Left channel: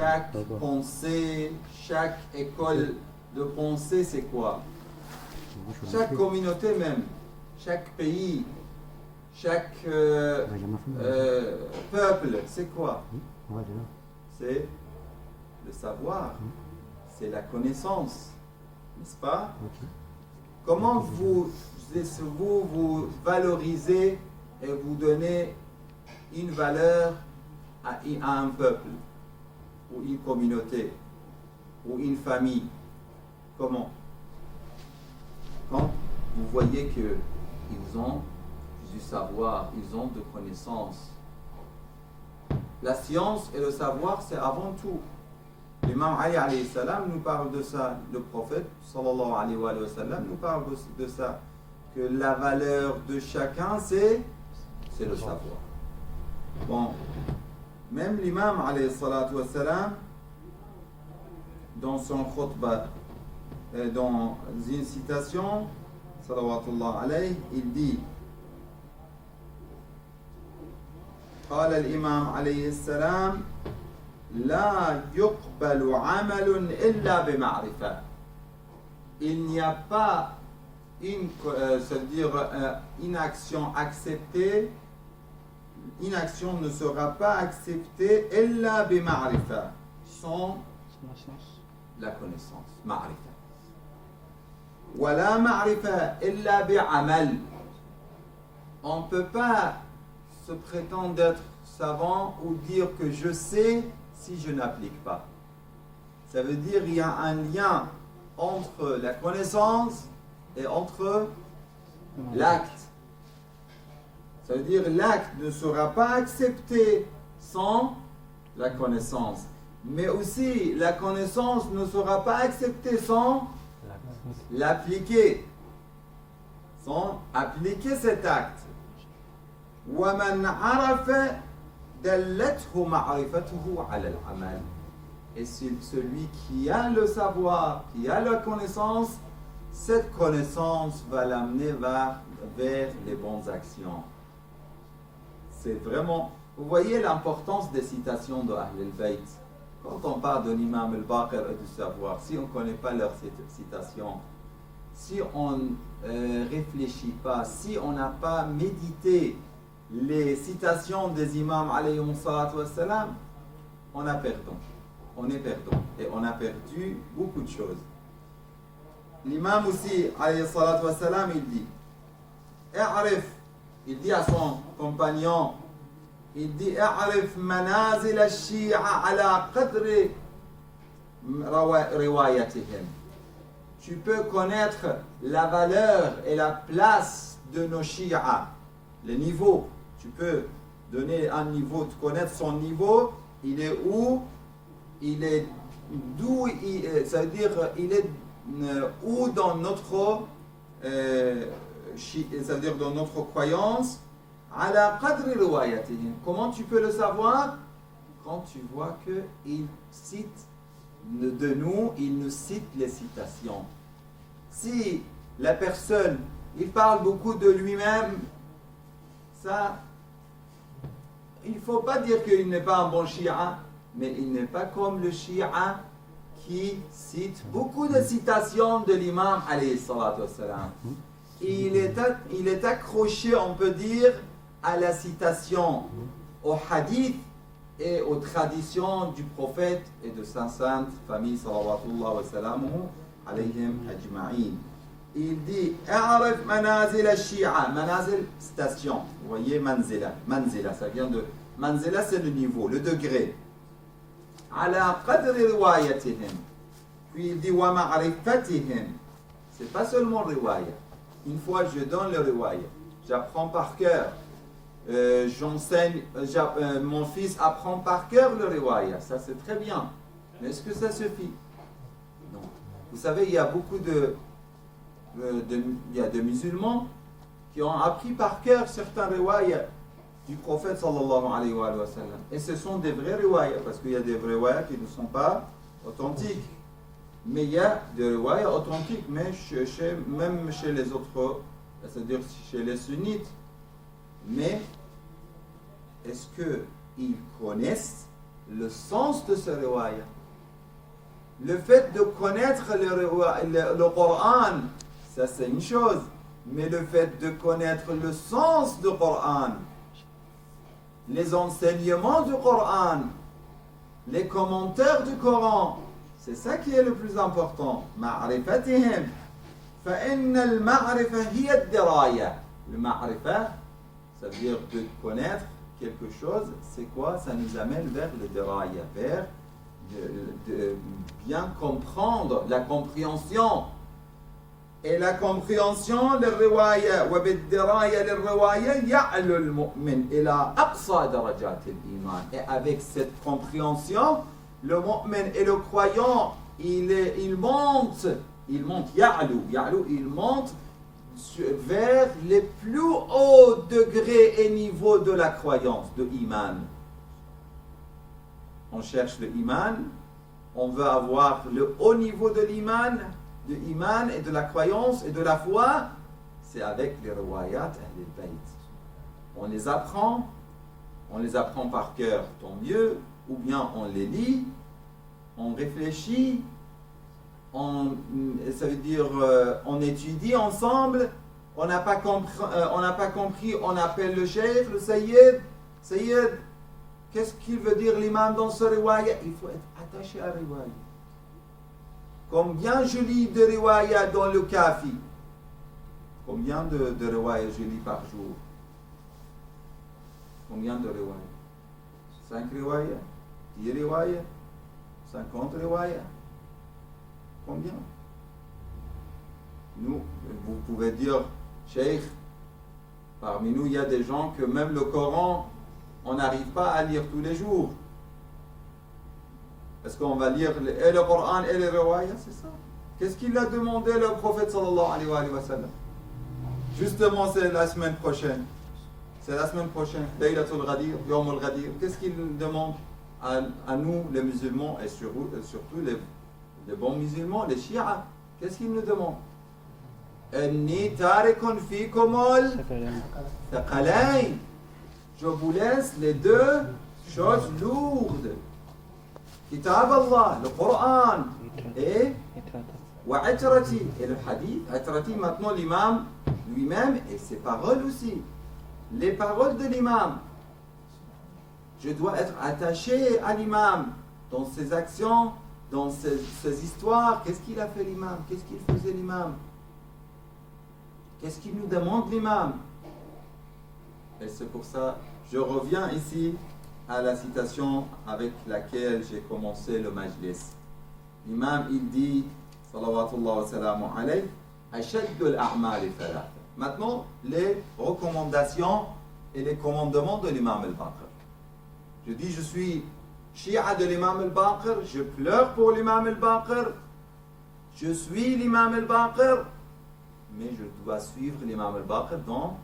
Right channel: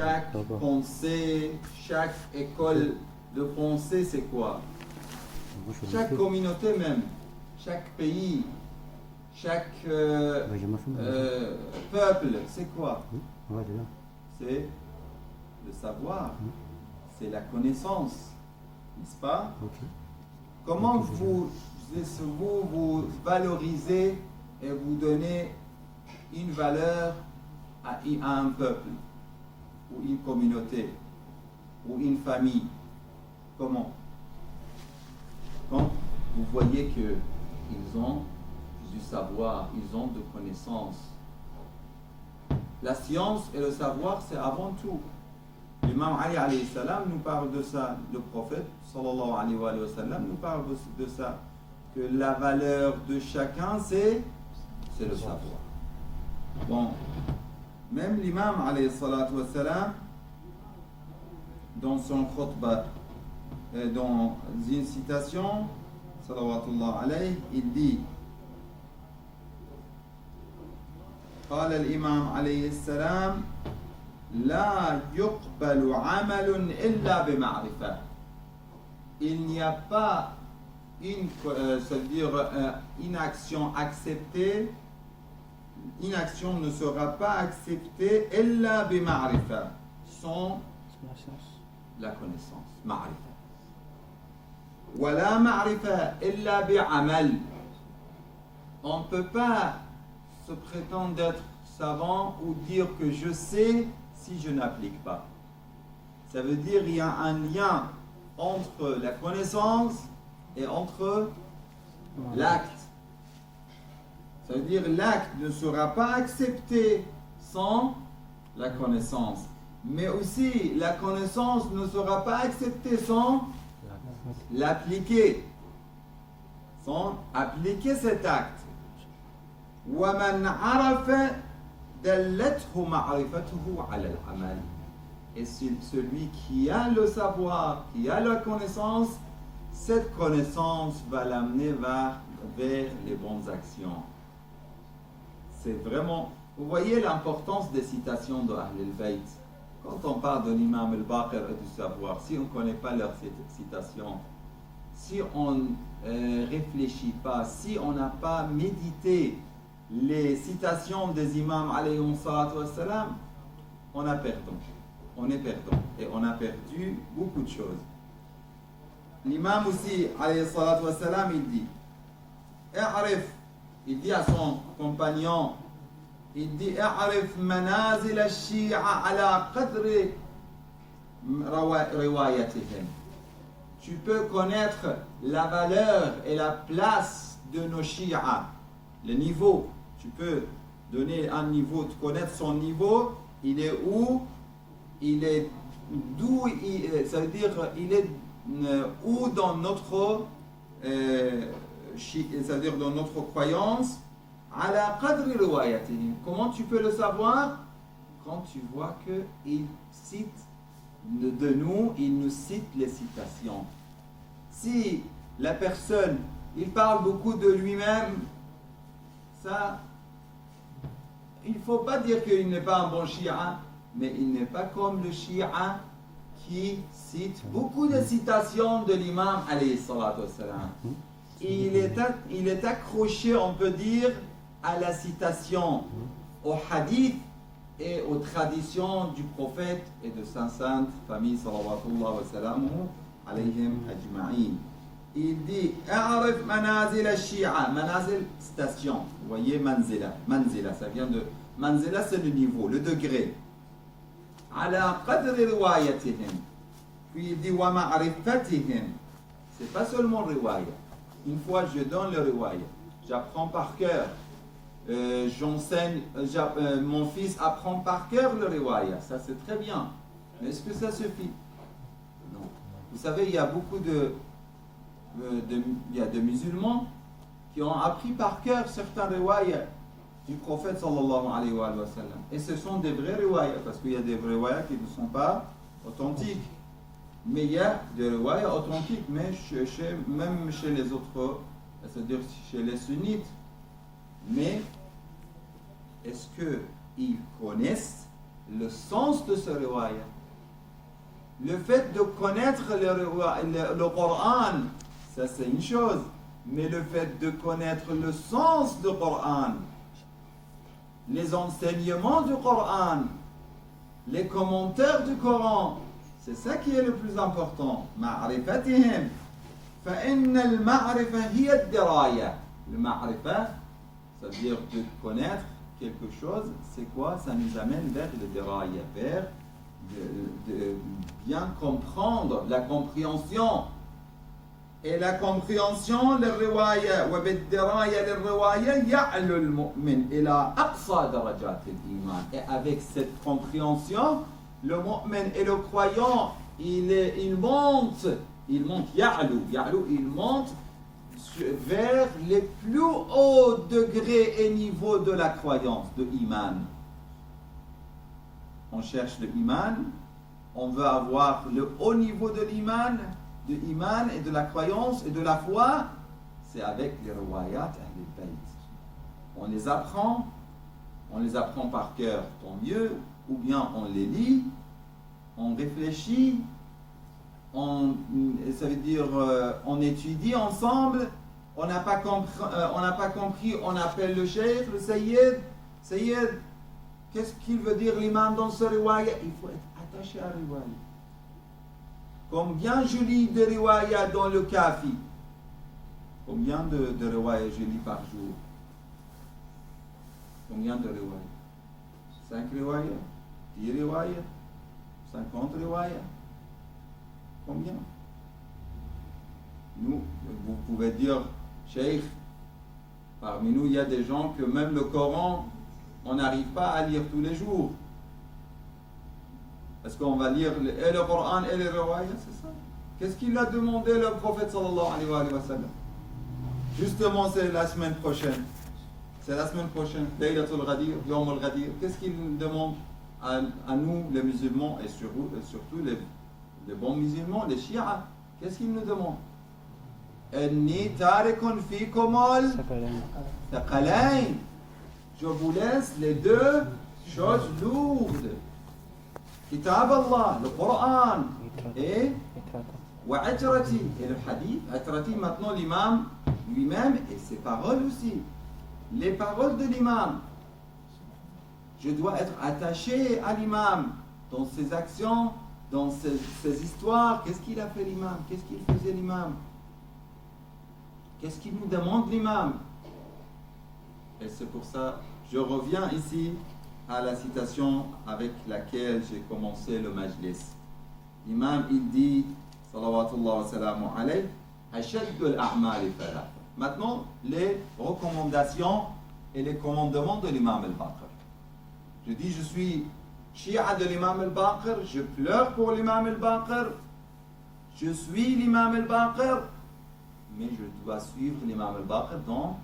chaque pensée, chaque école de pensée, c'est quoi? Chaque communauté même, chaque pays, chaque peuple, c'est quoi? C'est le savoir, c'est la connaissance, n'est-ce pas? Comment vous valorisez et vous donnez une valeur à un peuple, ou une communauté, ou une famille? Comment? Quand vous voyez qu'ils ont du savoir, ils ont de connaissances. La science et le savoir, c'est avant tout. L'imam Ali alayhi salam nous parle de ça. Le prophète sallallahu alayhi wa sallam nous parle de ça. Que la valeur de chacun, c'est le savoir. Bon, même l'imam alayhi salatu wa salam, dans son khutbah, dans une citation, salawatullah alayhi, il dit قال الإمام عليه السلام لا يقبل عمل إلا بمعرفة. Il n'y a pas c'est-à-dire une action acceptée, une action ne sera pas acceptée إلا بمعرفة, sans la connaissance, معرفة. ولا معرفة إلا بعمل. On ne peut pas se prétendre d'être savant ou dire que je sais si je n'applique pas. Ça veut dire qu'il y a un lien entre la connaissance et entre l'acte. Ça veut dire l'acte ne sera pas accepté sans la connaissance. Mais aussi la connaissance ne sera pas acceptée sans l'appliquer. Sans appliquer cet acte. وَمَنْ عَرَفَ دَلَّتْهُ مَعْرِفَتُهُ عَلَى الْعَمَلِ. Et celui qui a le savoir, qui a la connaissance, cette connaissance va l'amener vers les bonnes actions. C'est vraiment... Vous voyez l'importance des citations de Ahl al-Bayt. Quand on parle de l'imam al-Baqir et du savoir, si on ne connaît pas leurs citations, si on ne réfléchit pas, si on n'a pas médité les citations des imams alayhi salatu wassalam, on a perdu. On est perdant. Et on a perdu beaucoup de choses. L'imam aussi, alayhi salatu wassalam, il dit I'arif, il dit à son compagnon, il dit I'arif manazil al-shi'a ala qadri riwayatihim. Tu peux connaître la valeur et la place de nos shi'a, les niveaux. Tu peux donner un niveau, tu connaître son niveau, il est où, il est d'où, ça veut dire il est où dans notre, ça veut dire dans notre croyance, ala qadri riwayatihim. Comment tu peux le savoir? Quand tu vois qu'il cite de nous, il nous cite les citations. Si la personne, il parle beaucoup de lui-même, ça, il ne faut pas dire qu'il n'est pas un bon shi'a, mais il n'est pas comme le shi'a qui cite beaucoup de citations de l'imam alayhi salatu wassalam. Il est accroché, on peut dire, à la citation, au hadith et aux traditions du prophète et de sa sainte famille salawatullah wa salamuhu alayhim ajma'in. Il dit A'arif manazil al-shi'a. Manazil, station. Vous voyez, manzila. Manzila, ça vient de. Manzila, c'est le niveau, le degré. Ala qadri riwayatihim. Puis il dit Wa ma'rifatihim. C'est pas seulement riwaya. Une fois, je donne le riwaya. J'apprends par cœur. J'enseigne. Mon fils apprend par cœur le riwaya. Ça, c'est très bien. Mais est-ce que ça suffit? Non. Vous savez, il y a beaucoup il y a des musulmans qui ont appris par cœur certains riwayas du prophète sallallahu alayhi wa sallam. Et ce sont des vrais riwayas, parce qu'il y a des riwayas qui ne sont pas authentiques. Mais il y a des riwayas authentiques, mais même chez les autres, c'est-à-dire chez les sunnites. Mais est-ce qu'ils connaissent le sens de ce riwaya. Le fait de connaître le Coran, ça c'est une chose. Mais le fait de connaître le sens du Coran, les enseignements du Coran, les commentaires du Coran, c'est ça qui est le plus important. معرفتهم فإن المعرفة هي الدراية. Le ma'rifa, c'est-à-dire de connaître quelque chose, c'est quoi? Ça nous amène vers le diraya, vers de bien comprendre, la compréhension. Et la compréhension, le riwaya, وبالدراية للرواية يعلو المؤمن إلى أقصى درجات الإيمان. Et avec cette compréhension, le mu'min et le croyant, il monte, يعلو, il monte vers les plus hauts degrés et niveaux de la croyance, de iman. On cherche le iman, on veut avoir le haut niveau de l'iman, et de la croyance et de la foi, c'est avec les riwayat Ahl al-Bayt. On les apprend par cœur, tant mieux, ou bien on les lit, on réfléchit, ça veut dire on étudie ensemble, on n'a pas compris, on appelle le cheikh, le sayyid, qu'est-ce qu'il veut dire l'imam dans ce riwaya? Il faut être attaché à la riwaya. Combien je lis de riwaya dans le kafi? Combien de riwaya je lis par jour? Combien de riwaya? 5 riwaya? 10 riwaya? 50 riwaya? Combien? Nous, vous pouvez dire, Cheikh, parmi nous, il y a des gens que même le Coran, on n'arrive pas à lire tous les jours. Est-ce qu'on va lire et le Coran et les riwaya? C'est ça. Qu'est-ce qu'il a demandé le prophète sallallahu alayhi wa sallam? Justement, c'est la semaine prochaine. C'est la semaine prochaine. Laylatul Ghadir, Yawm al-Ghadir. Qu'est-ce qu'il demande à nous, les musulmans, et surtout les bons musulmans, les chiites? Qu'est-ce qu'il nous demande? Inni tarikun fikum al-thaqalayn. Je vous laisse les deux choses lourdes. Kitab Allah, le Coran, et Wa'atrati, et le hadith. Atrati, maintenant l'imam lui-même, et ses paroles aussi. Les paroles de l'imam. Je dois être attaché à l'imam dans ses actions, dans ses histoires. Qu'est-ce qu'il a fait l'imam? Qu'est-ce qu'il faisait l'imam? Qu'est-ce qu'il nous demande l'imam? Et c'est pour ça, je reviens ici à la citation avec laquelle j'ai commencé le majlis. L'imam, il dit, salawatullah wa salamu alayhi, ashaddul a'mali thalatha. Maintenant, les recommandations et les commandements de l'imam al-Baqir. Je dis, je suis chi'a de l'imam al-Baqir, je pleure pour l'imam al-Baqir, je suis l'imam al-Baqir, mais je dois suivre l'imam al-Baqir dans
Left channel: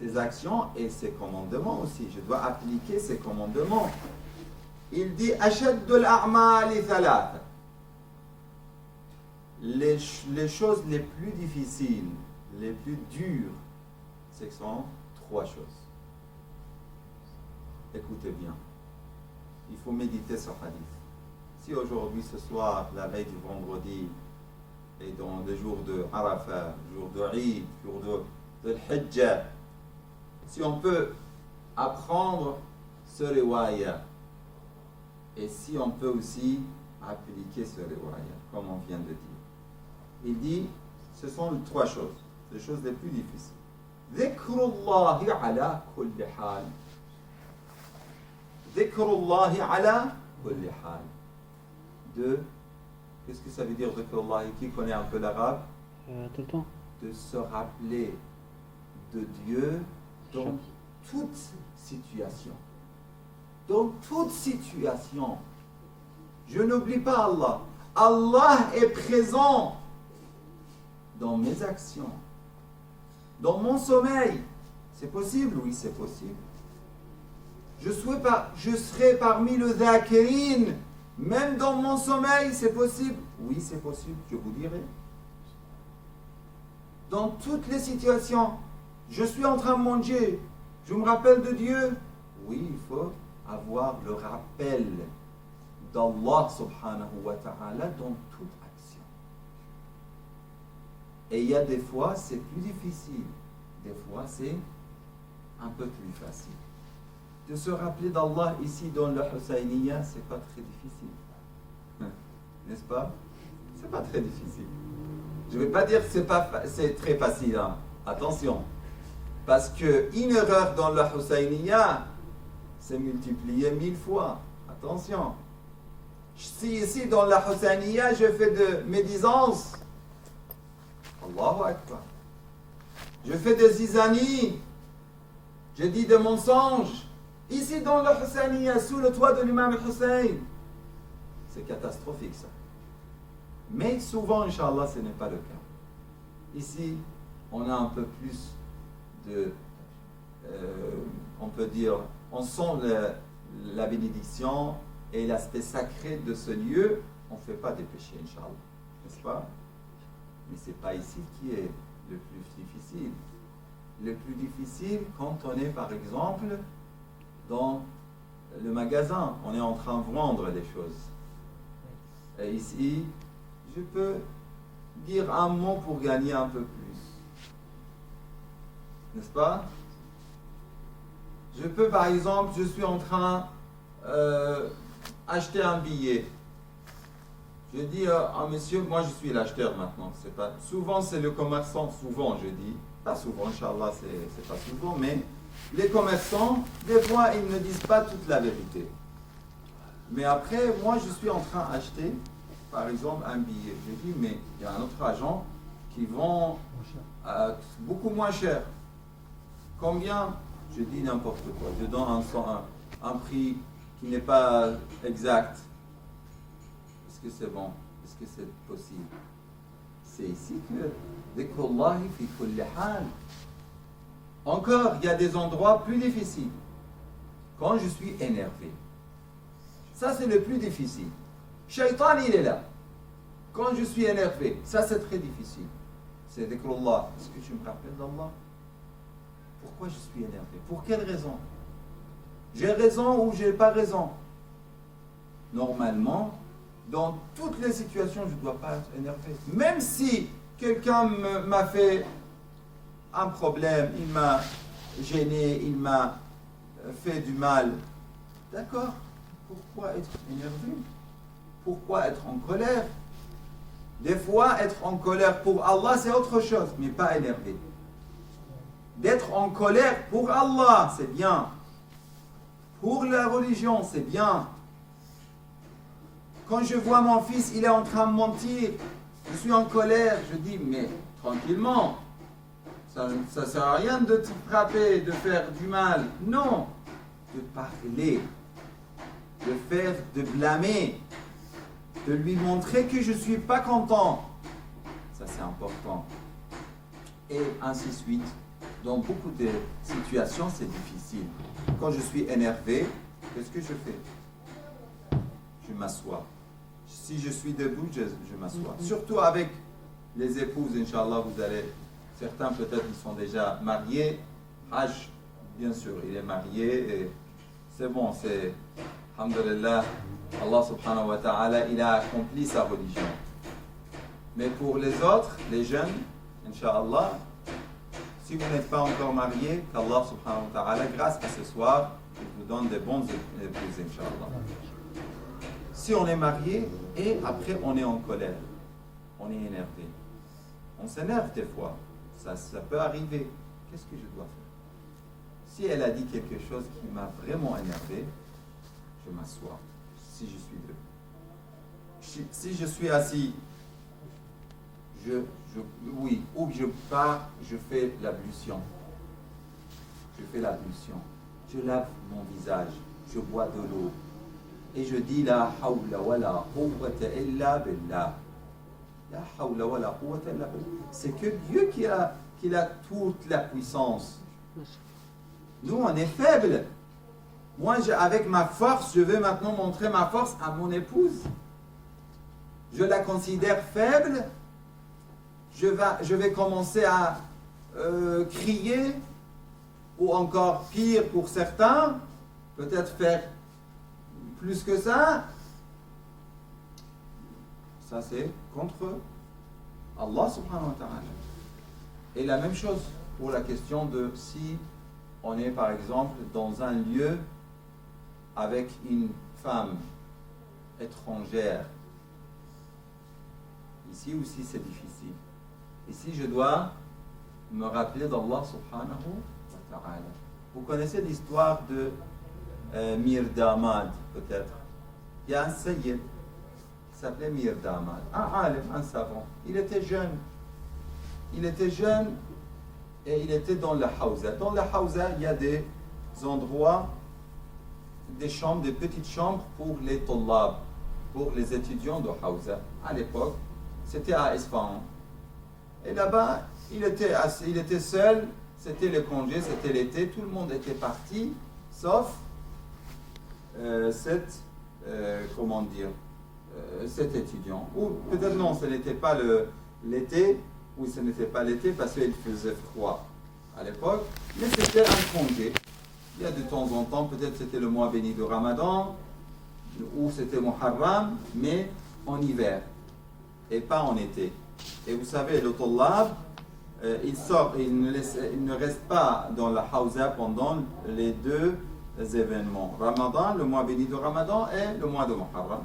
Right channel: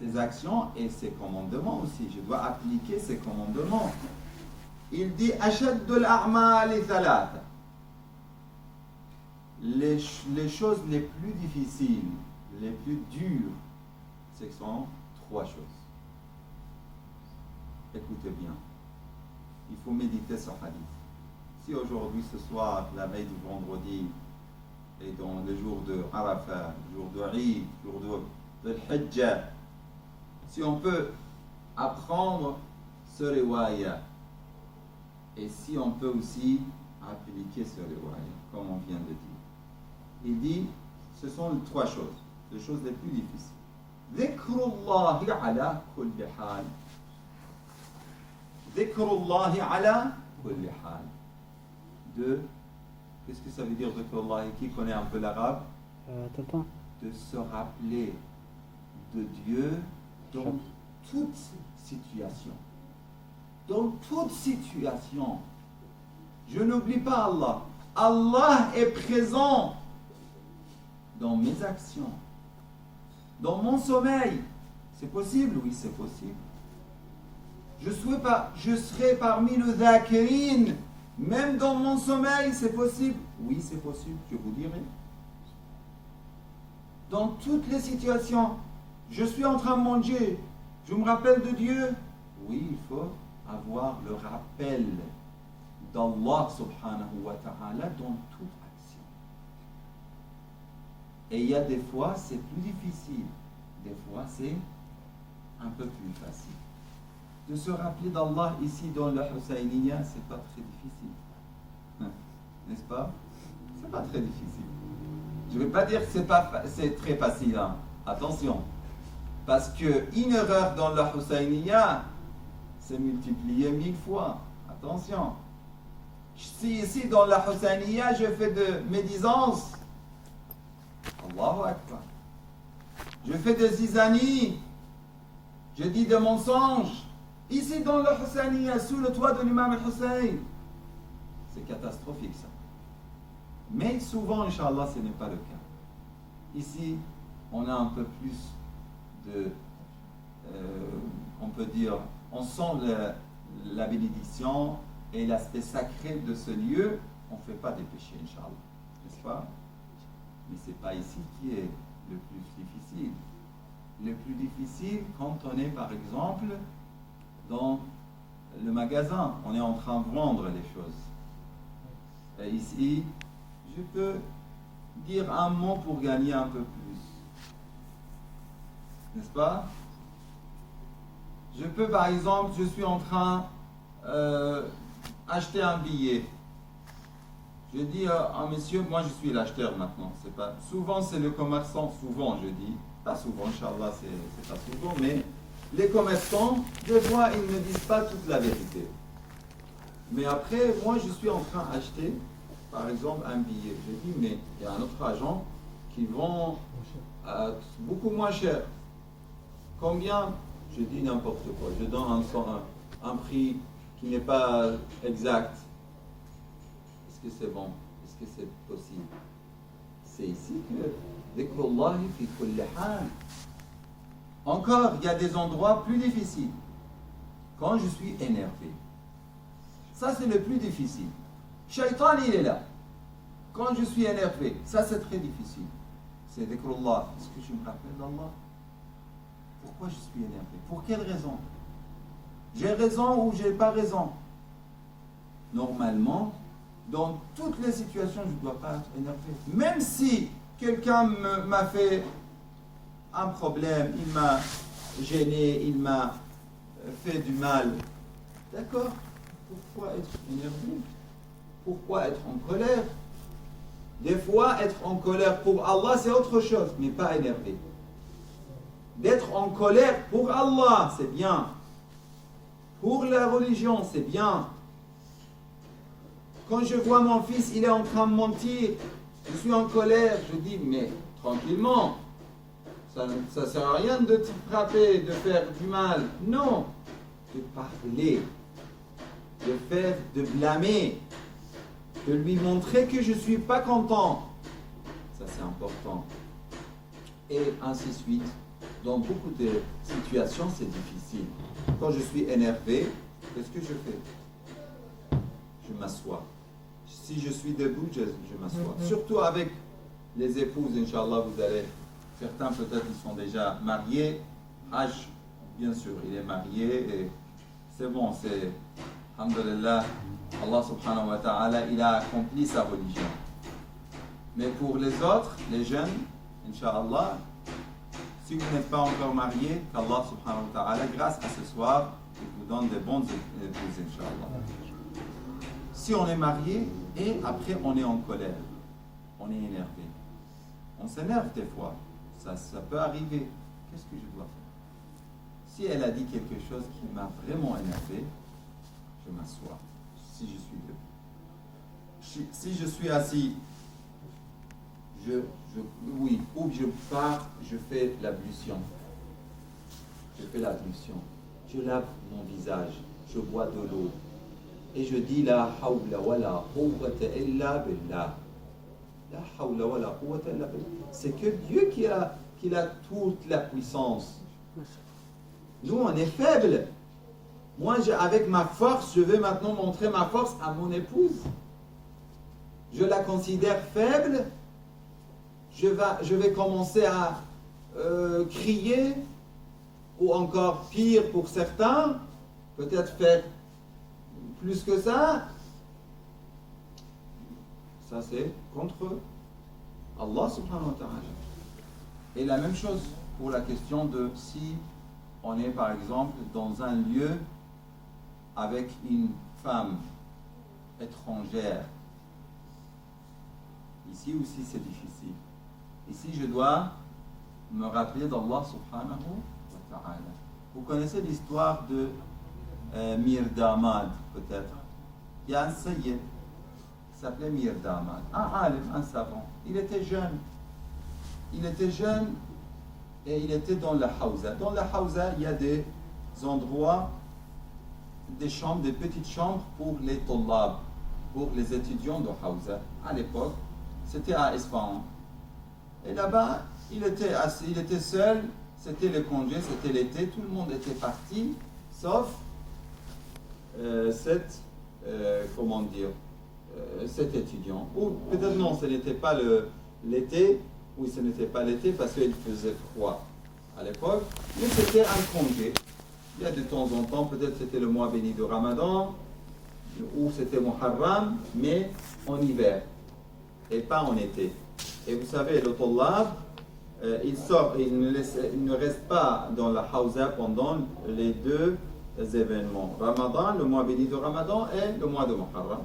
ses actions et ses commandements aussi. Je dois appliquer ses commandements. Il dit ashaddul a'mali thalatha. Les choses les plus difficiles, les plus dures, ce sont 3 choses. Écoutez bien. Il faut méditer ce hadith. Si aujourd'hui, ce soir, la veille du vendredi, et dans les jours de Arafat, jour de Eid, jour de Hajjah, si on peut apprendre ce riwaya, et si on peut aussi appliquer ce riwaya, comme on vient de dire. Il dit, ce sont 3 choses, les choses les plus difficiles. Dhikrullahi ala kulli hal. Dhikrullahi ala kulli hal. 2. Qu'est-ce que ça veut dire dhikrullahi? Qui connaît un peu l'arabe? Tout le temps. De se rappeler de Dieu dans toute situation. Dans toute situation. Je n'oublie pas Allah. Allah est présent dans mes actions, dans mon sommeil. C'est possible? Oui, c'est possible. Je serai parmi le dhakirin, même dans mon sommeil, c'est possible? Oui, c'est possible, je vous dirai. Dans toutes les situations, je suis en train de manger, je me rappelle de Dieu. Oui, il faut avoir le rappel d'Allah subhanahu wa ta'ala dans toute action. Et il y a des fois, c'est plus difficile. Des fois, c'est un peu plus facile. De se rappeler d'Allah ici dans le Husayniya, c'est pas très difficile. N'est-ce pas? C'est pas très difficile. Je ne vais pas dire que c'est très facile. Hein. Attention. Parce qu'une erreur dans le Husayniya, c'est multiplié 1000 fois. Attention. Si ici dans la Husayniya, je fais de médisance, Allahu Akbar. Je fais de zizanie, je dis des mensonges. Ici dans la Husayniya, sous le toit de l'imam Hussein, c'est catastrophique ça. Mais souvent, Inch'Allah, ce n'est pas le cas. Ici, on a un peu plus de, on peut dire, on sent la bénédiction et l'aspect sacré de ce lieu. On ne fait pas des péchés, Inch'Allah, n'est-ce pas? Mais ce n'est pas ici qui est le plus difficile. Le plus difficile, quand on est, par exemple, dans le magasin, on est en train de vendre les choses. Et ici, je peux dire un mot pour gagner un peu plus. N'est-ce pas? Je peux, par exemple, je suis en train d'acheter un billet. Je dis à un monsieur, moi je suis l'acheteur maintenant. C'est pas, souvent c'est le commerçant, souvent je dis, pas souvent, Inch'Allah, c'est pas souvent, mais les commerçants, des fois, ils ne disent pas toute la vérité. Mais après, moi je suis en train d'acheter, par exemple, un billet. Je dis, mais il y a un autre agent qui vend beaucoup moins cher. Combien? Je dis n'importe quoi. Je donne un prix qui n'est pas exact. Est-ce que c'est bon? Est-ce que c'est possible? C'est ici que dhikrullahi fi kulli hal. Encore, il y a des endroits plus difficiles. Quand je suis énervé. Ça, c'est le plus difficile. Shaitan, il est là. Quand je suis énervé, ça, c'est très difficile. C'est dhikrullah. Est-ce que tu me rappelles d'Allah? Pourquoi je suis énervé? Pour quelle raison? J'ai raison ou j'ai pas raison? Normalement, dans toutes les situations, je ne dois pas être énervé. Même si quelqu'un m'a fait un problème, il m'a gêné, il m'a fait du mal. D'accord? Pourquoi être énervé? Pourquoi être en colère? Des fois, être en colère pour Allah, c'est autre chose, mais pas énervé. D'être en colère pour Allah, c'est bien. Pour la religion, c'est bien. Quand je vois mon fils, il est en train de mentir, je suis en colère, je dis, mais tranquillement, ça ne sert à rien de te frapper, de faire du mal. Non, de parler, de faire, de blâmer, de lui montrer que je ne suis pas content. Ça, c'est important. Et ainsi de suite. Dans beaucoup de situations, c'est difficile. Quand je suis énervé, qu'est-ce que je fais? Je m'assois. Si je suis debout, je m'assois. Surtout avec les épouses, Inch'Allah, vous allez... Certains peut-être ils sont déjà mariés. Hajj, bien sûr, il est marié. Et c'est bon, c'est... Alhamdulillah, Allah subhanahu wa ta'ala, il a accompli sa religion. Mais pour les autres, les jeunes, Inch'Allah, si vous n'êtes pas encore marié, qu'Allah subhanahu wa ta'ala, grâce à ce soir, il vous donne des bonnes épouses, Inch'Allah. Si on est marié et après on est en colère, on est énervé. On s'énerve des fois, ça peut arriver. Qu'est-ce que je dois faire? Si elle a dit quelque chose qui m'a vraiment énervé, je m'assois. Si je suis debout. Si je suis assis, oui, ou que je pars, je fais l'ablution. Je fais l'ablution. Je lave mon visage, je bois de l'eau. Et je dis la hawla wa la quwwata illa billah. La hawla wa la quwwata illa billah. C'est que Dieu qui a toute la puissance. Nous, on est faibles. Moi, avec ma force, je vais maintenant montrer ma force à mon épouse. Je la considère faible. Je vais commencer à crier, ou encore pire pour certains, peut-être faire plus que ça. Ça, c'est contre Allah subhanahu wa ta'ala. Et la même chose pour la question de si on est par exemple dans un lieu avec une femme étrangère. Ici aussi c'est difficile. Ici je dois me rappeler d'Allah subhanahu wa ta'ala. Vous connaissez l'histoire de Mirdamad peut-être. Il y a un sayyid qui s'appelait Mirdamad, un alim, un savant. Il était jeune et il était dans la Hawza. Dans la Hawza, il y a des endroits, des chambres, des petites chambres pour les tullab, pour les étudiants de Hawza. À l'époque, c'était à Isfahan. Et là-bas, il était seul, c'était le congé, c'était l'été, tout le monde était parti, sauf cet étudiant. Ou peut-être non, ce n'était pas l'été, ou ce n'était pas l'été parce qu'il faisait froid à l'époque, mais c'était un congé. Il y a de temps en temps, peut-être c'était le mois béni de Ramadan, ou c'était Muharram, mais en hiver, et pas en été. Et vous savez, le tullab, il sort, il ne reste pas dans la Hawza pendant les deux événements. Ramadan, le mois béni de Ramadan, et le mois de Muharram.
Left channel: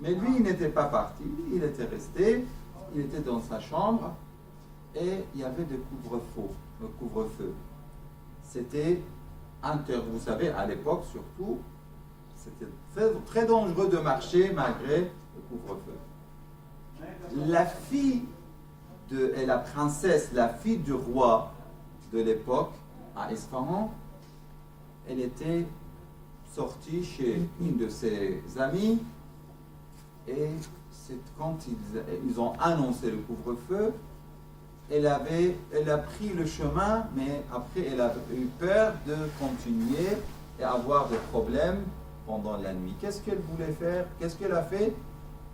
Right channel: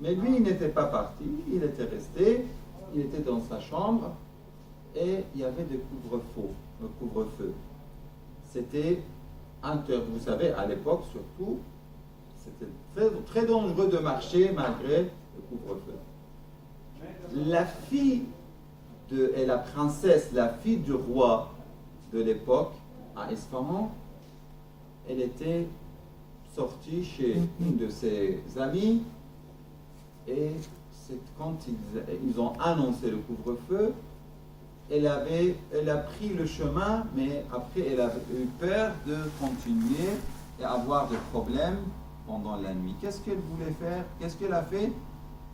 Mais lui, il n'était pas parti, il était resté, il était dans sa chambre, et il y avait le couvre-feu. C'était vous savez, à l'époque surtout, c'était très, très dangereux de marcher malgré le couvre-feu. La fille et la princesse, la fille du roi de l'époque, à Isfahan, elle était sortie chez une de ses amies, et c'est quand ils ont annoncé le couvre-feu, elle a pris le chemin, mais après elle a eu peur de continuer et avoir des problèmes pendant la nuit. Qu'est-ce qu'elle voulait faire? Qu'est-ce qu'elle a fait?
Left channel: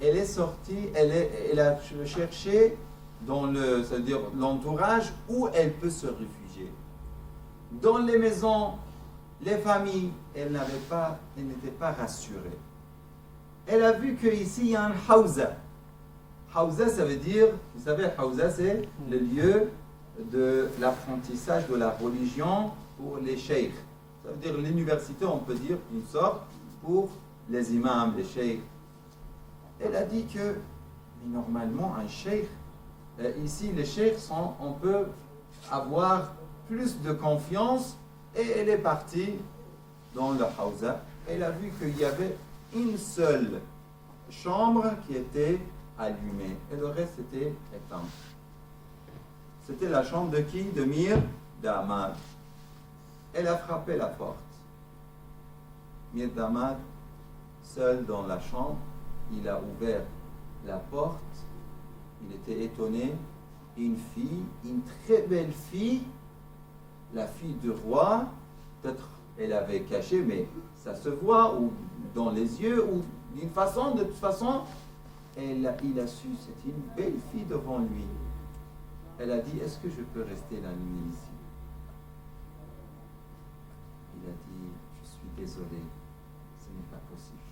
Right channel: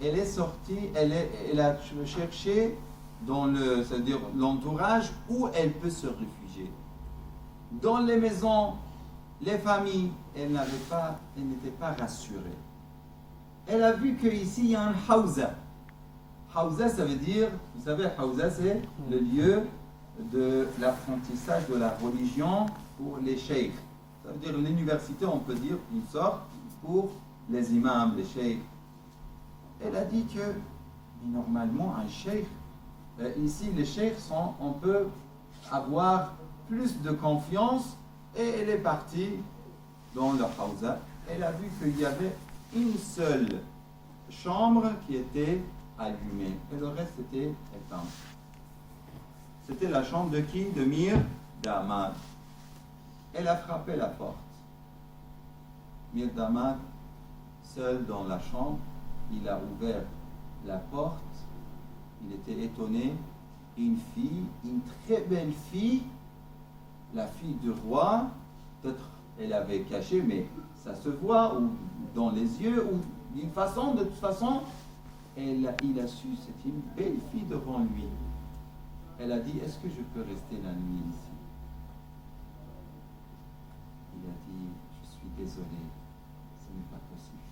Elle est sortie, elle a cherché dans c'est-à-dire l'entourage où elle peut se réfugier. Dans les maisons, les familles, elle n'était pas rassurée. Elle a vu qu'ici il y a un Hawza. Hawza, ça veut dire, vous savez, Hawza, c'est le lieu de l'apprentissage de la religion pour les cheikhs. Ça veut dire l'université, on peut dire, une sorte, pour les imams, les cheikhs. Elle a dit que, mais normalement, un cheikh, ici, les cheikhs on peut avoir plus de confiance, et elle est partie dans le Hawza. Elle a vu qu'il y avait une seule chambre qui était allumée, et le reste était éteint. C'était la chambre de qui? De Mirdamad. Elle a frappé la porte. Mirdamad, seul dans la chambre, il a ouvert la porte. Il était étonné. Une fille, une très belle fille, la fille du roi, peut-être elle avait caché, mais ça se voit, ou dans les yeux, ou d'une façon, de toute façon, il a su, c'est une belle fille devant lui. Elle a dit, est-ce que je peux rester la nuit ici? Il a dit, je suis désolé, ce n'est pas possible.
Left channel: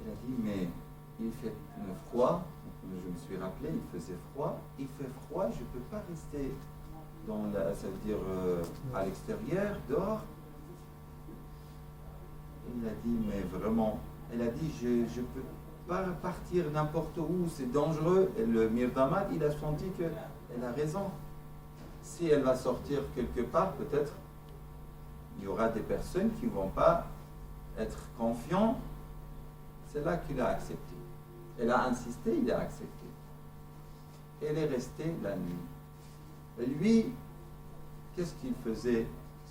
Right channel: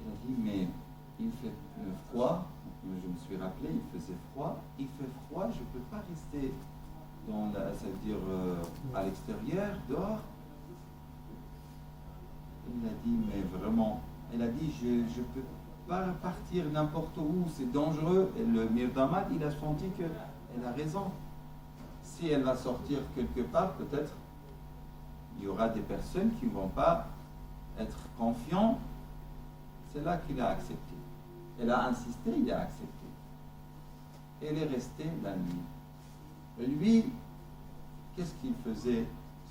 Elle a dit, mais il fait froid, je me suis rappelé, il faisait froid, je ne peux pas rester ça veut dire à l'extérieur, dehors. Elle a dit, mais vraiment, elle a dit, je ne peux pas partir n'importe où, c'est dangereux. Et le Mirdamad, il a senti qu'elle a raison. Si elle va sortir quelque part, peut-être, il y aura des personnes qui ne vont pas être confiants. C'est là qu'il a accepté. Elle a insisté, il a accepté. Elle est restée la nuit. Et lui, qu'est-ce qu'il faisait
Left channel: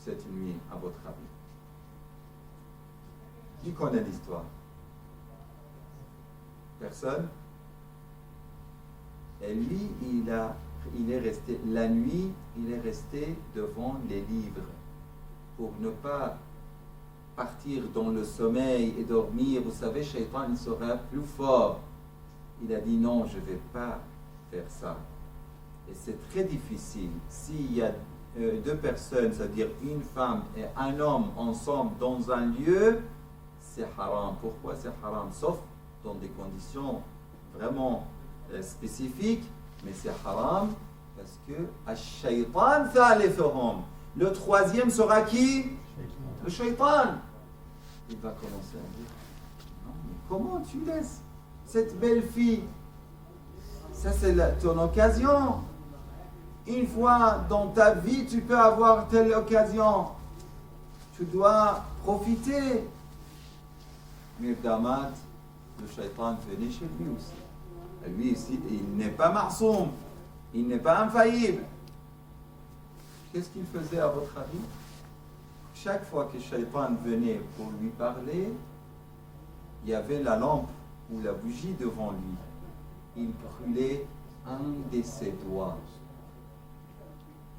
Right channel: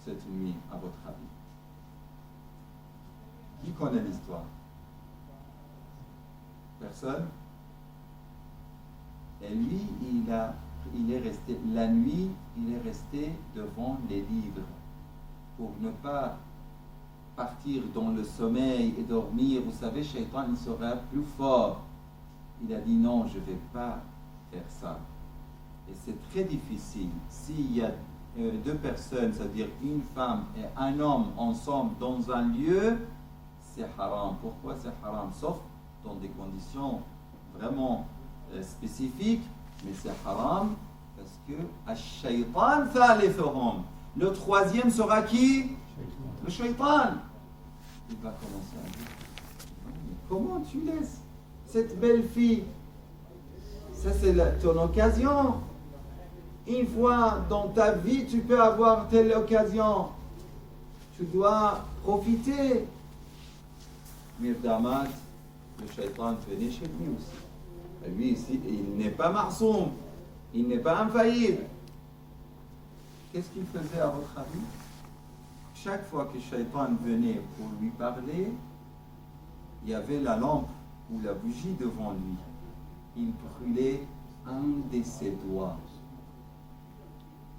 cette nuit, à votre avis? Qui connaît l'histoire? Personne? Et lui, il est resté, la nuit, il est resté devant les livres pour ne pas partir dans le sommeil et dormir. Vous savez, Shaitan, il sera plus fort. Il a dit non, je ne vais pas faire ça. Et c'est très difficile. S'il y a deux personnes, c'est-à-dire une femme et un homme ensemble dans un lieu, c'est haram. Pourquoi c'est haram? Sauf dans des conditions vraiment spécifiques, mais c'est haram parce que ash-shaytan thalithum. Le troisième sera qui? Le shaytan. Il va commencer à dire, comment tu laisses cette belle fille? Ça c'est ton occasion. Une fois dans ta vie, tu peux avoir telle occasion. Tu dois profiter. Mirdamat, le shaitan venait chez lui aussi. Et lui ici, il n'est pas marsoum, il n'est pas infaillible. Qu'est-ce qu'il faisait à votre avis? Chaque fois que le shaitan venait pour lui parler, il y avait la lampe ou la bougie devant lui. Il brûlait un de ses doigts.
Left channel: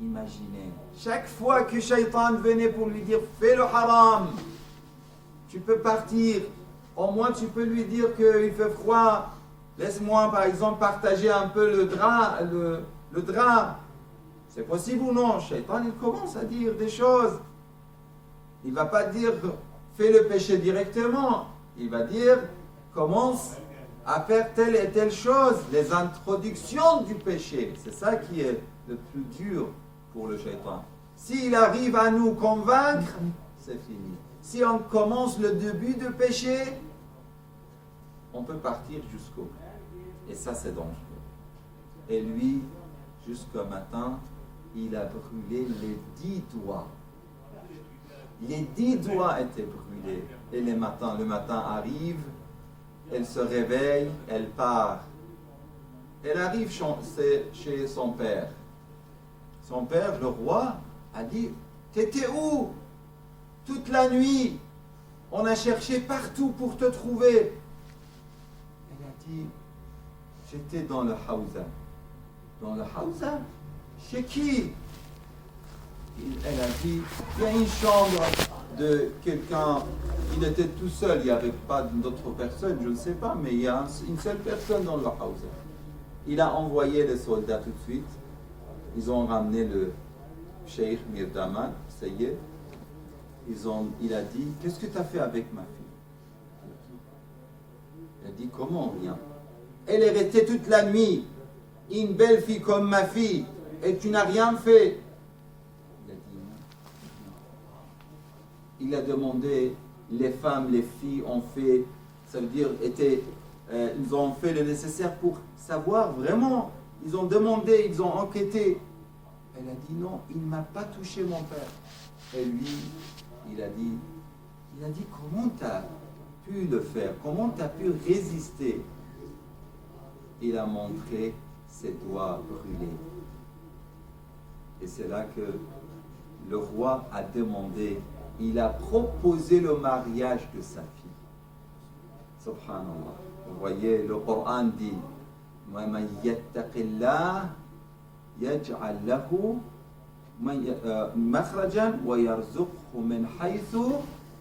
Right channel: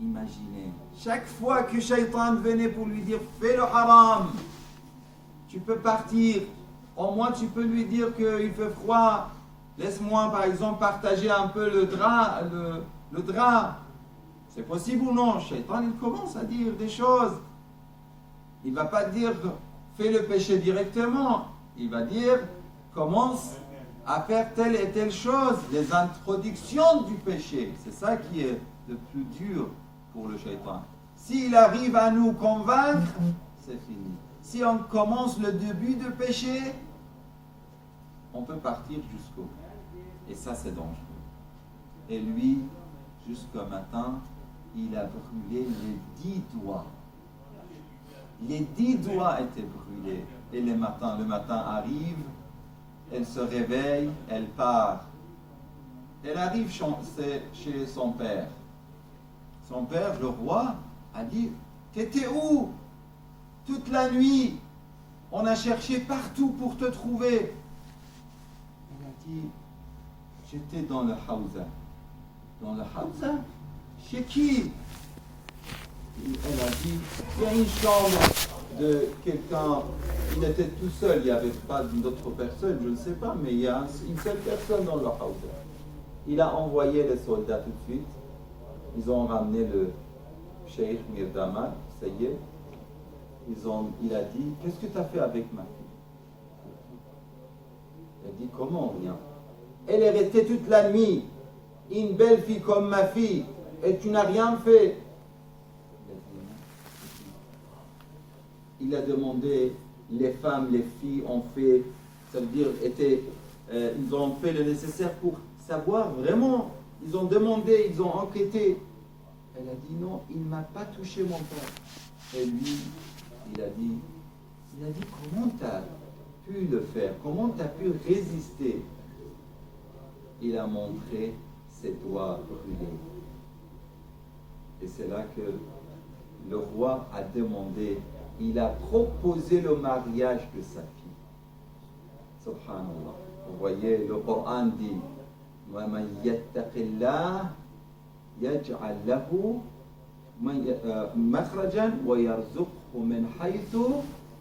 Imaginez, chaque fois que Shaitan venait pour lui dire fais le haram, tu peux partir, au moins tu peux lui dire qu'il fait froid, laisse-moi par exemple partager un peu le drap. C'est possible ou non? Shaitan il commence à dire des choses. Il ne va pas dire fais le péché directement, il va dire commence à faire telle et telle chose, les introductions du péché. C'est ça qui est le plus dur pour le shaitan. S'il arrive à nous convaincre, c'est fini. Si on commence le début de péché, on peut partir jusqu'au bout. Et ça, c'est dangereux. Et lui, jusqu'au matin, il a brûlé les 10 doigts. Les 10 doigts étaient brûlés. Et le matin arrive, elle se réveille, elle part. Elle arrive chez son père. Son père, le roi, a dit « T'étais où? Toute la nuit, on a cherché partout pour te trouver. » Elle a dit « J'étais dans le hawza. » « Dans le hawza? Chez qui? » Elle a dit « Il y a une chambre de quelqu'un, il était tout seul, il n'y avait pas d'autres personnes, je ne sais pas, mais il y a une seule personne dans le hawza. » Il a envoyé les soldats tout de suite. Ils ont ramené le Cheikh Mirdama, ça y est. Il a dit, qu'est-ce que tu as fait avec ma fille? Il a dit, comment rien? Elle est restée toute la nuit, une belle fille comme ma fille, et tu n'as rien fait. Il a dit, non. Il a demandé, les femmes, les filles ont fait, ça veut dire, ils ont fait le nécessaire pour savoir vraiment. Ils ont demandé, ils ont enquêté. Elle a dit non, il ne m'a pas touché mon père. Et lui, il a dit comment tu as pu le faire? Comment tu as pu résister? Il a montré ses doigts brûlés. Et c'est là que le roi a demandé, il a proposé le mariage de sa fille. Subhanallah. Vous voyez, le Coran dit وَمَنْ يَتَّقِ اللَّهَ يَجْعَلْ لَهُ مَخْرَجًا وَيَرْزُقْهُ مِنْ حَيْثُ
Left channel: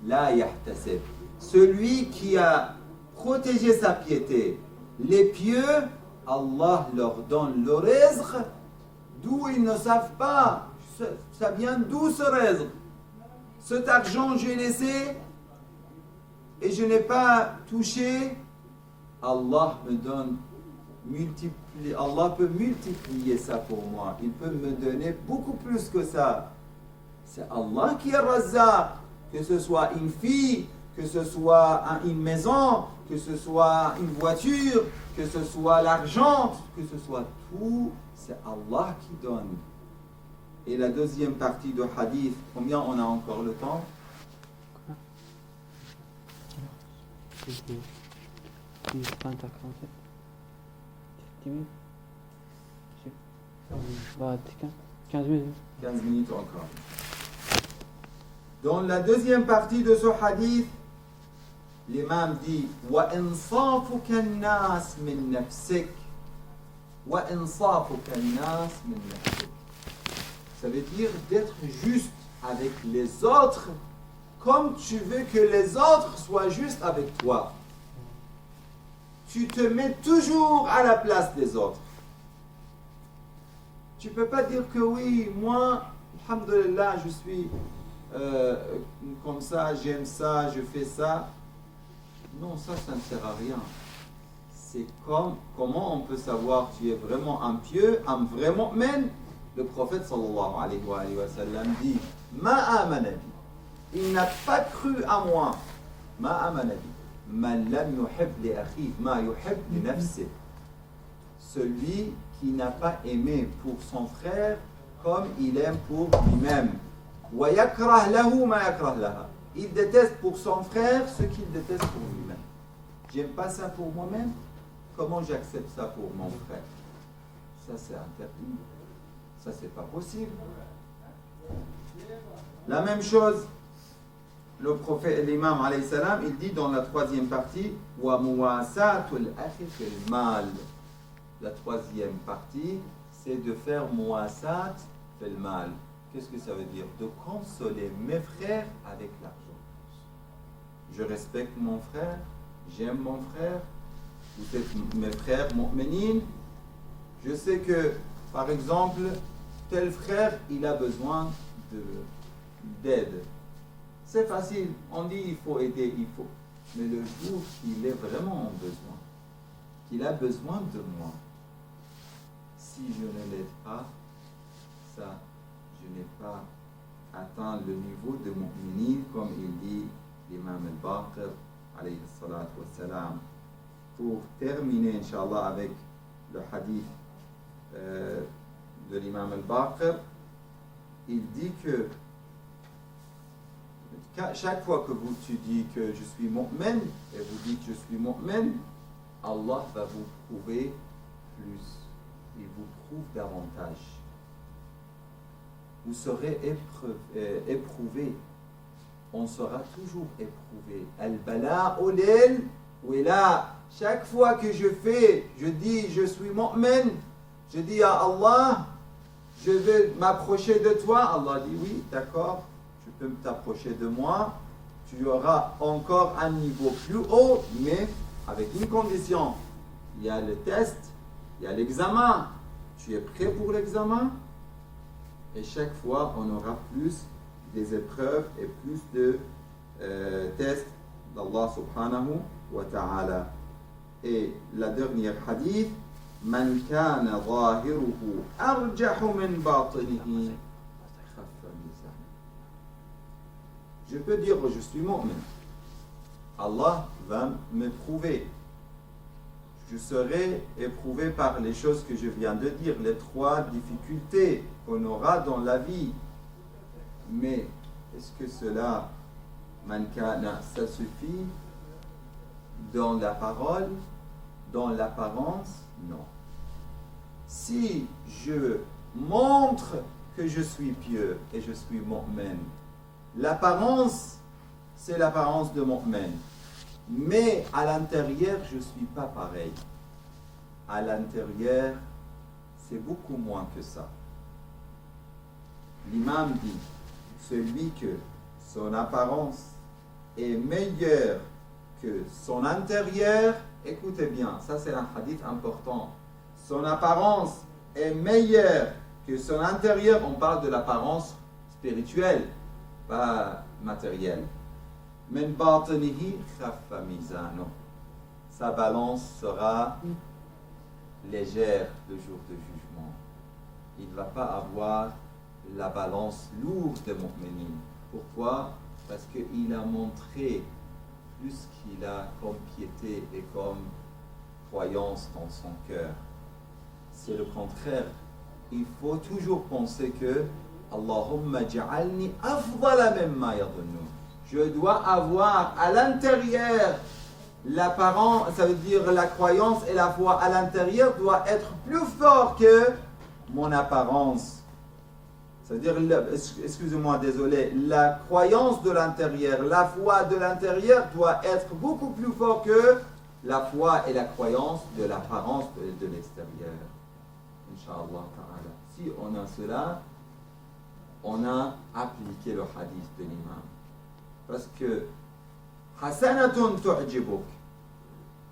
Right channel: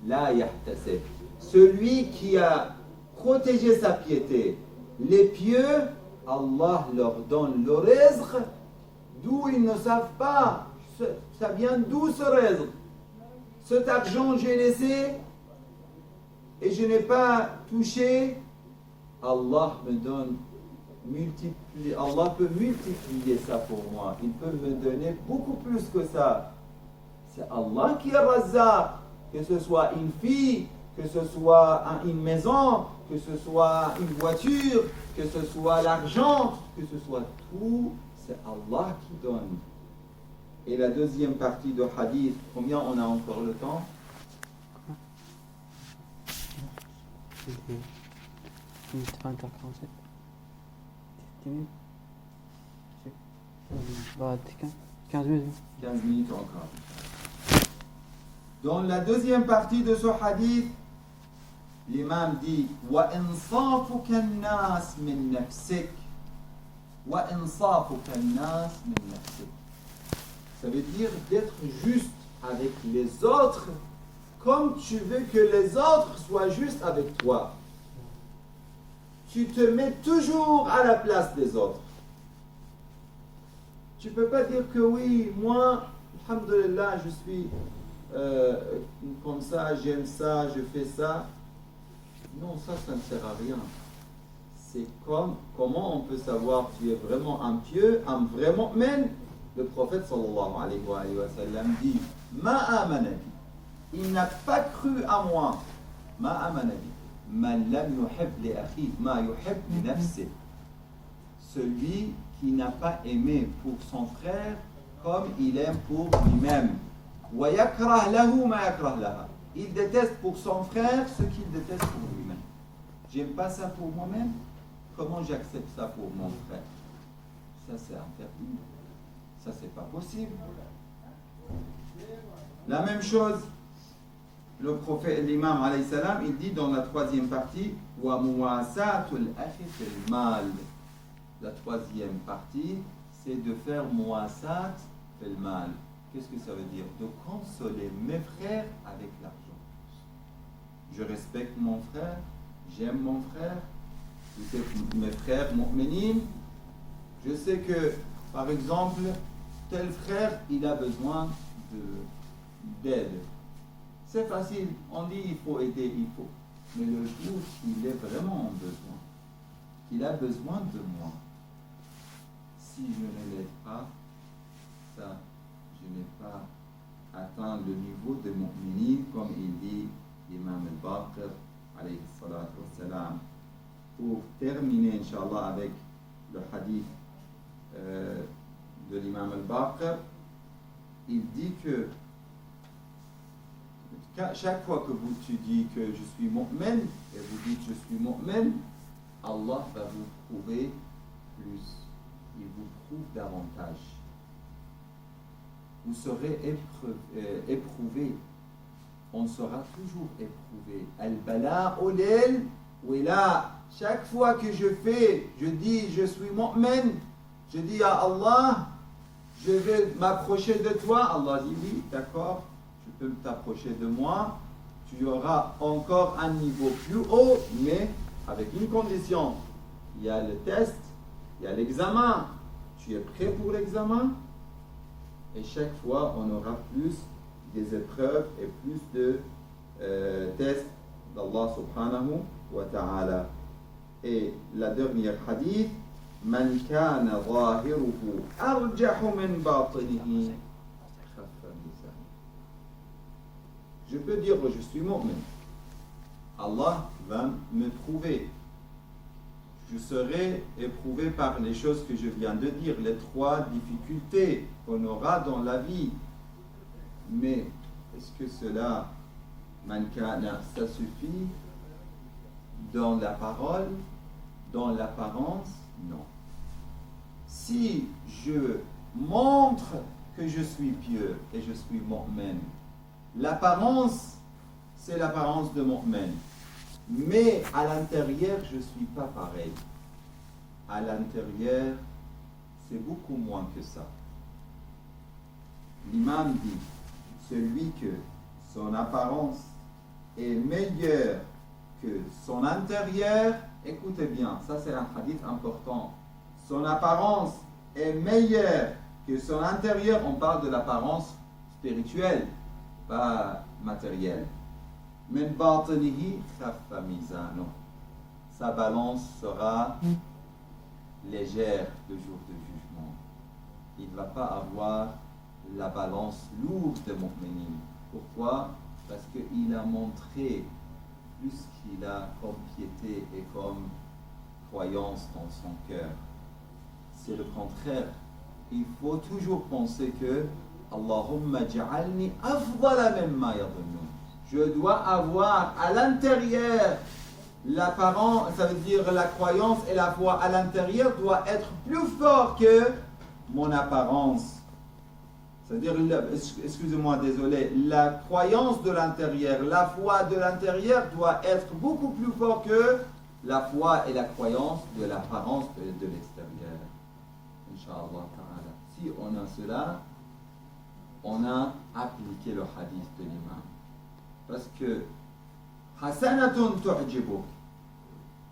لَا يَحْتَسِبُ. Celui qui a protégé sa piété, les pieux, Allah leur donne le rizq d'où ils ne savent pas. Ça vient d'où ce rizq? Cet argent j'ai laissé et je n'ai pas touché. Allah me donne, Allah peut multiplier ça pour moi. Il peut me donner beaucoup plus que ça. C'est Allah qui est Razzaq. Que ce soit une fille, que ce soit une maison, que ce soit une voiture, que ce soit l'argent, que ce soit tout, c'est Allah qui donne. Et la deuxième partie de hadith, combien on a encore le temps? Bah, 15 minutes. 15 minutes encore. Dans la deuxième partie de ce hadith, l'imam dit وَإِنصَافُكَ النَّاسِ مِنْ نَفْسِكَ وَإِنصَافُكَ النَّاسِ مِنْ نَفْسِكَ. Ça veut dire d'être juste avec les autres comme tu veux que les autres soient justes avec toi. Tu te mets toujours à la place des autres. Tu ne peux pas dire que oui, moi, alhamdulillah, je suis comme ça, j'aime ça, je fais ça. Non, ça ne sert à rien. c'est comment on peut savoir que tu es vraiment un pieux, un vrai mu'min. Le prophète sallallahu alayhi wa sallam dit Ma amana bi. Il n'a pas cru à moi. Ma amana bi. Man lam yuhib li akhi ma yuhib li nafsi. Celui qui n'a pas aimé pour son frère comme il aime pour lui-même. Wa yakrah lahu ma yakrah laha. Il déteste pour son frère ce qu'il déteste pour lui-même. J'aime pas ça pour moi-même. Comment j'accepte ça pour mon frère? Ça c'est interdit. Ça c'est pas possible. La même chose, le prophète, l'imam alayhi salam, il dit dans la troisième partie, wa muwasatul akhi fil mal. La troisième partie, c'est de faire muwasat fil mal. Qu'est-ce que ça veut dire? De consoler mes frères avec l'argent. Je respecte mon frère, j'aime mon frère, vous êtes mes frères mu'minin. Je sais que, par exemple, tel frère, il a besoin d'aide. C'est facile, on dit il faut aider, il faut. Mais le jour qu'il est vraiment en besoin, qu'il a besoin de moi, si je ne l'aide pas, ça, je n'ai pas atteint le niveau de mu'minin, comme il dit l'imam al-Baqir, alayhi salatu wassalam. Pour terminer, Inch'Allah, avec le hadith de l'imam al-Baqir, il dit que chaque fois que tu dis que je suis mu'min, et vous dites je suis mu'min, Allah va vous prouver plus. Il vous prouve davantage. Vous serez éprouvé. On sera toujours éprouvé. Al-bala'u lil wila. Chaque fois que je dis je suis mu'min, je dis à Allah, je vais m'approcher de toi. Allah dit oui, d'accord, tu peux t'approcher de moi. Tu auras encore un niveau plus haut, mais avec une condition. Il y a le test, il y a l'examen. Tu es prêt pour l'examen? Et chaque fois, on aura plus des épreuves et plus de tests d'Allah subhanahu wa ta'ala. Et la dernière hadith, Man kana zahiruhu arjahu min batinihi. Je peux dire je suis mu'min. Allah va me prouver. Je serai éprouvé par les choses que je viens de dire, les trois difficultés qu'on aura dans la vie. Mais est-ce que cela, man kana, ça suffit dans la parole, dans l'apparence? Non. Si je montre que je suis pieux et je suis mu'min, l'apparence, c'est l'apparence de mu'min. Mais à l'intérieur, je ne suis pas pareil. À l'intérieur, c'est beaucoup moins que ça. L'imam dit, celui que son apparence est meilleure que son intérieur, écoutez bien, ça c'est un hadith important. Son apparence est meilleure que son intérieur, on parle de l'apparence spirituelle, pas matérielle. Min batinihi khaffa mizano. Sa balance sera légère le jour de jugement. Il ne va pas avoir la balance lourde de mu'minin. Pourquoi? Parce qu'il a montré plus qu'il a comme piété et comme croyance dans son cœur. C'est le contraire. Il faut toujours penser que Allahumma ja'alni afdala mimma yadhunnun. Je dois avoir à l'intérieur l'apparence, ça veut dire la croyance et la foi à l'intérieur doit être plus fort que mon apparence. C'est-à-dire, excusez-moi, désolé, la croyance de l'intérieur, la foi de l'intérieur doit être beaucoup plus fort que la foi et la croyance de l'apparence de l'extérieur. Inch'Allah ta'ala. Si on a cela, on a appliqué le hadith de l'imam. Parce que hasanatun tu'jibuk.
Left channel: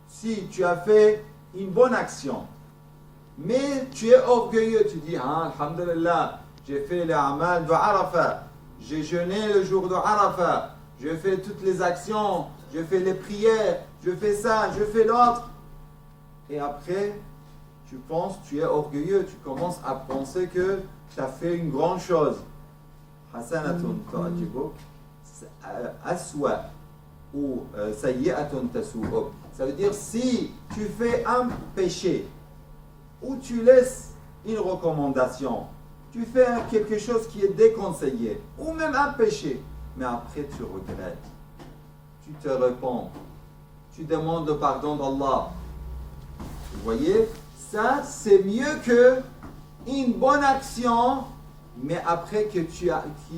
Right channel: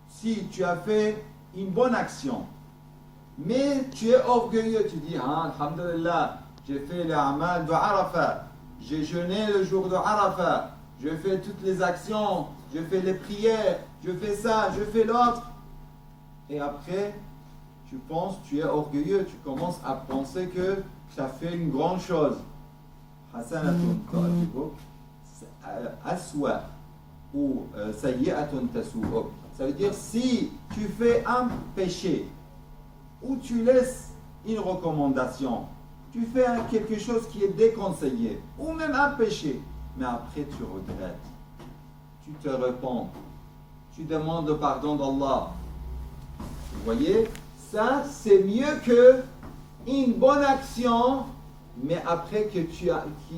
Si tu as fait une bonne action, mais tu es orgueilleux, tu dis alhamdulillah, j'ai fait les amal de Arafat, j'ai jeûné le jour de Arafat, je fais toutes les actions, je fais les prières, je fais ça, je fais l'autre. et après, tu penses, tu es orgueilleux, tu commences à penser que tu as fait une grande chose. Hasanatun tu'jibuk, aswa ou sayyi'atun tasu'uk. Ça veut dire si tu fais un péché ou tu laisses une recommandation, tu fais quelque chose qui est déconseillé ou même un péché, mais après tu regrettes, tu te repens, tu demandes le pardon d'Allah. Vous voyez, ça c'est mieux que une bonne action, mais après qui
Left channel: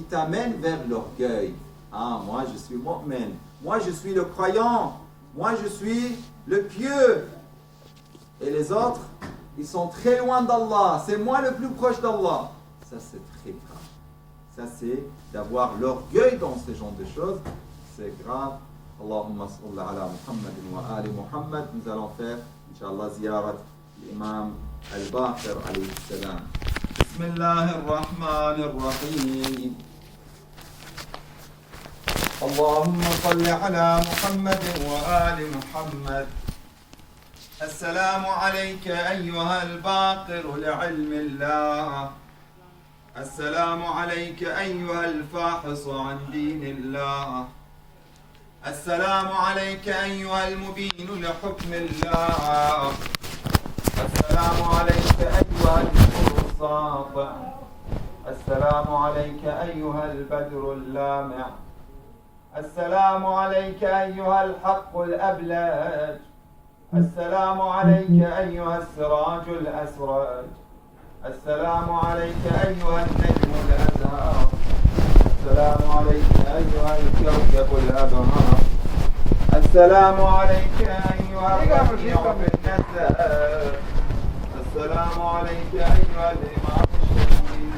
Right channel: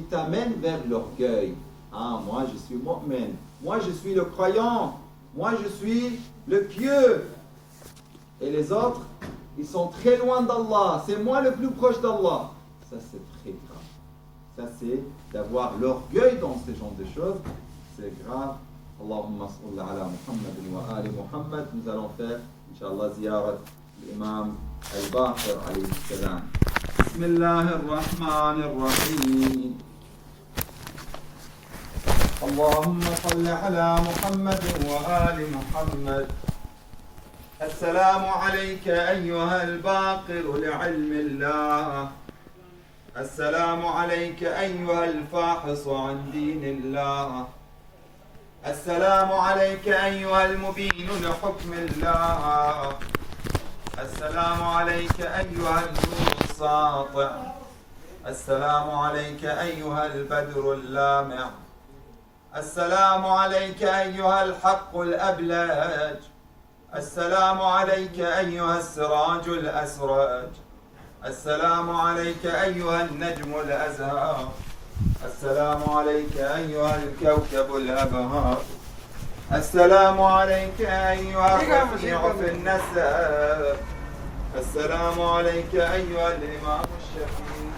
t'amène vers l'orgueil. Ah, moi je suis mu'min, moi je suis le croyant, moi je suis le pieux. Et les autres, ils sont très loin d'Allah, c'est moi le plus proche d'Allah. Ça c'est très grave. Ça c'est d'avoir l'orgueil dans ce genre de choses, c'est grave. Allahumma salli ala Muhammad wa ali Muhammad. Nous allons faire, Inch'Allah, ziyarat l'imam al-Baqir alayhi salam. Bismillahirrahmanirrahim. اللهم صل على محمد وآل محمد. السلام عليك أيها الباقر لعلم الله. السلام عليك أيها الفاحص عن دين الله. السلام عليك أيها المبين لحكم الله. السلام عليك أيها النور الساطع. السلام عليك أيها البدر اللامع. السلام عليك أيها الحق الأبلج. السلام عليك أيها السراج الأسرج. السلام عليك أيها النجم الأزهر. السلام عليك أيها الكوكب الأبهر. السلام عليك أيها الرفيع في النسب. السلام عليك أيها الإمام الشهيد.